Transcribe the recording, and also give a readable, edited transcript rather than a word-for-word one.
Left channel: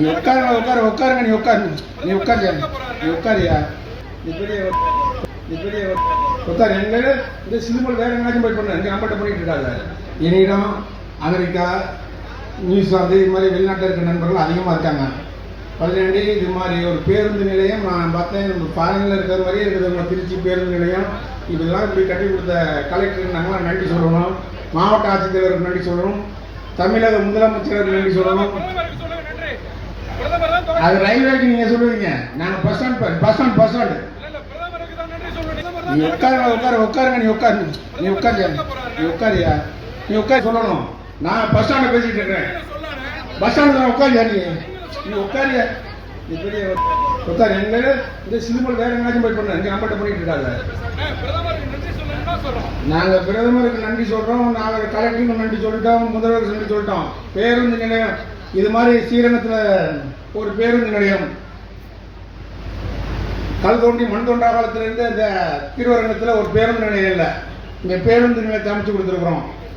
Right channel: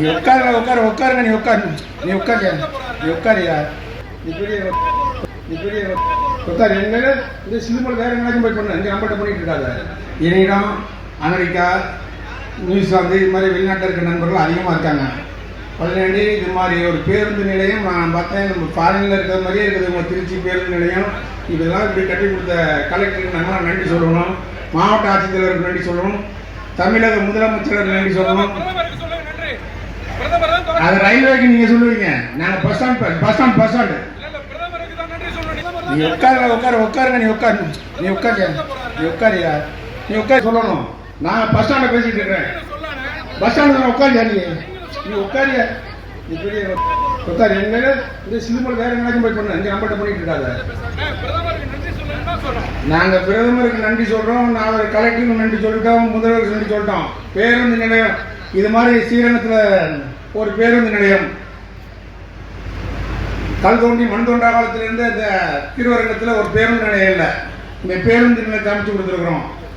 நீ உட்காருங்க நீ உட்காரியா உட்காரு எங்க இந்த சிம்பிள் வேற எங்கேயாச்சும் போய் பண்ண இங்கே நம்மகிட்ட பண்ணிட்டு இருக்காத. இனிடம் அமெரிக்கா நியூசிலாந்து இது மாதிரி வெளிநாட்டில் இருக்கிற நண்பர்கள் அதிகமாக இருக்காங்க. பல்லாண்டி இது மாதிரி ஒரு பேருந்து நிலையம் நான் பார்த்தேன், ஃபாரினில் இருக்கிற மாதிரியே இருக்குது. திருச்சி பேருந்து நிலையம் இதெல்லாம் இப்படி கட்டி கொடுத்த கலெக்டருக்கு நம்ம நன்றி சொல்லணும், மாவட்ட ஆட்சித்தலைவருக்கு நன்றி சொல்லணும், தமிழக முதலமைச்சருக்கு நன்றி சொல்லணும். அது ரயில்வேக்கு நீங்க சொல்லுவீங்க, நாங்க பஸ் ஸ்டாண்ட் நீ உட்காருங்க நீ உட்காரு சொல்லணும். நான் பஸ் ஸ்டாண்ட்ல பேசிட்டு இருக்கேன், பஸ் ஸ்டாண்ட்ல உட்காரியா நீ உட்காரியா உட்காரு எங்க இந்த சிம்பிள் வேற எங்கேயாச்சும் போய் பண்ண இங்க நம்மகிட்ட பண்ணிட்டு இருக்காத. நாங்க பிரதமருக்கு நன்றி சொல்றோம், நாங்க கலெக்டருக்கு நன்றி சொல்லிட்டோம், முதல்வருக்கு நன்றி சொல்லிட்டோம். பேருந்து நிலையம் இது மாதிரி ஸ்ரீரங்கத்துல ஒரு பேருந்து நிலையம் கல் தோண்டி மண் தோண்டா காலத்திலிருந்து இந்த திருவரங்கத்தில் ஒரு பேருந்து நிலையம் இல்லை, இந்த பேருந்து நிலையத்தை அமைச்சு கொடுத்துருக்குறோம்.